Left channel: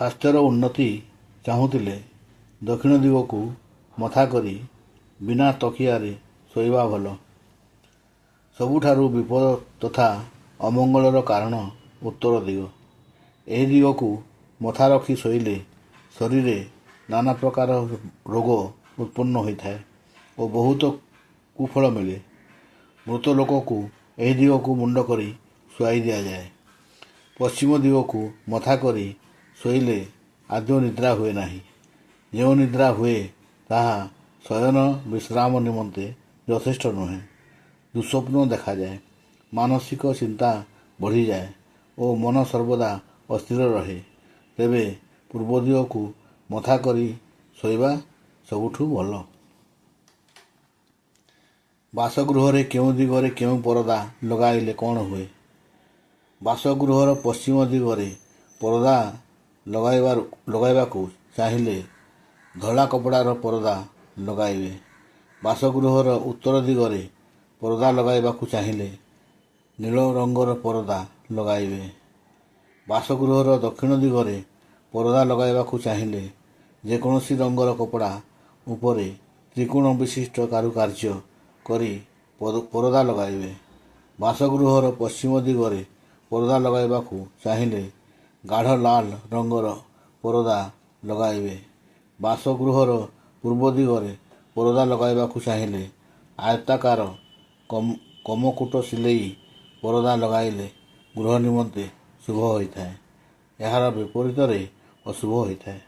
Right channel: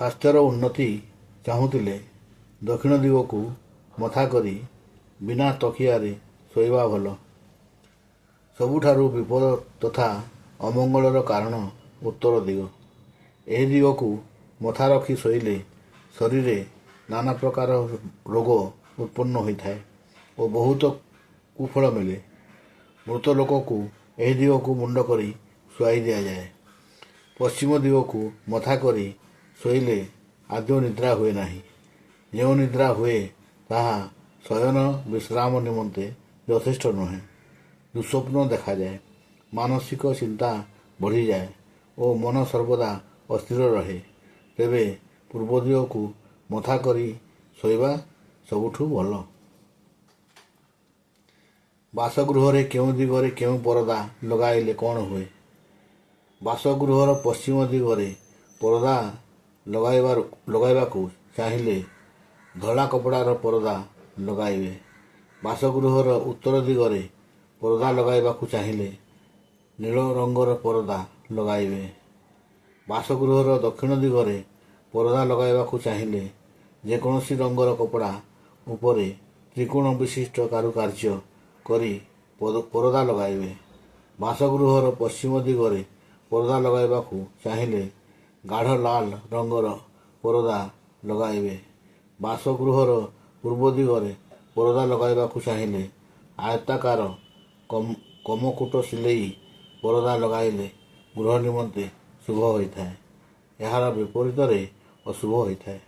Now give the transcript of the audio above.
ସ୍ୱାସ୍ଥ୍ୟର ଉନ୍ନତି ଚାହୁଁଥିଲେ ଦକ୍ଷିଣ ଦିଗକୁ ମଥା କରି ବିନା ତକିଆରେ ଶୋଇବା ଭଲ। ସବୁଠାରୁ ବିପଦ ତଥା ଅମଙ୍ଗଳର କାରଣ ଉତ୍ତର ଦିଗ। ଏହି ଦିଗକୁ ମଥା ରଖି ଶୋଇଲେ ଶରୀରରେ ନାନା ପ୍ରକାର ରୋଗ ଉତ୍ପନ୍ନ ହୋଇଥାଏ ଓ ବହୁତ କୁଫଳ ମିଳେ। ମୃତ ଲୋକକୁ ଏହି ଦିଗକୁ ମୁଣ୍ଡ କରି ଶୁଆଇ ଦିଆଯାଏ। ପଶ୍ଚିମ ଦିଗକୁ ମଥା କରି ଶୋଇଲେ ଆଦୌ ନିଦ୍ରା ହୁଏ ନାହିଁ। ଯେଉଁ ନିଦ୍ରା ହୁଏ ତାହା ଶୟନ ବିଶ୍ରାମ ନିମନ୍ତେ ଯଥେଷ୍ଟ ନୁହେଁ। ଦୁଃସ୍ୱପ୍ନ ଦେଖାଯାଏ, ମାନସିକ ଚିନ୍ତା ବଢ଼ିଯାଏ ଓ ମନ ସର୍ବଦା ଅସ୍ଥିର ରହେ। ତେବେ ପୂର୍ବ ଦିଗକୁ ମଥା କରି ଶୋଇବା ସବୁଠୁ ଭଲ। ବାସଗୃହରେ କେଉଁ ଦିଗରେ କେଉଁ ପରଦା ଲଗାଇଲେ କ'ଣ ହୁଏ? ବାସଗୃହର ପଶ୍ଚିମ ଦିଗରେ ପରଦା ଲଗାଇବାକୁ ଚାହିଁଲେ ଧଳା କପଡ଼ାର ପରଦା ଲଗାଇବେ। ବାସଗୃହର ଉତ୍ତର ଦିଗରେ ପରଦା ଲଗାଇବାକୁ ଚାହିଁଲେ ନୀଳ ରଙ୍ଗର ପରଦା ଲଗାଇବେ। ବାସଗୃହର ଦକ୍ଷିଣ ଦିଗରେ ପରଦା ଲଗାଇବାକୁ ଚାହିଁଲେ ଯେକୌଣସି ରଙ୍ଗର କପଡ଼ା ଉପରେ ତ୍ରିକୋଣ ବିଶିଷ୍ଟ କାରୁକାର୍ଯ୍ୟ କରି ପରଦା ଲଗାଇବେ। ବାସଗୃହର ପଶ୍ଚିମ ଦିଗରେ ପରଦା ଲଗାଇବାକୁ ଚାହିଁଲେ ଗାଢ଼ ଲାଲ ରଙ୍ଗର ପରଦା ଲଗାଇବେ। ବାସଗୃହର ପୂର୍ବ ଦିଗରେ ପରଦା ଲଗାଇବାକୁ ଚାହିଁଲେ ଆୟତାକାର କମକୁଟ ସିଲେଇ ପରଦା ଲଗାଇଲେ ଗୃହ ନିମନ୍ତେ ଶୁଭ ହୋଇଥାଏ। ଏହାର ବିପରୀତରେ ଅଶୁଭ ହୋଇଥାଏ।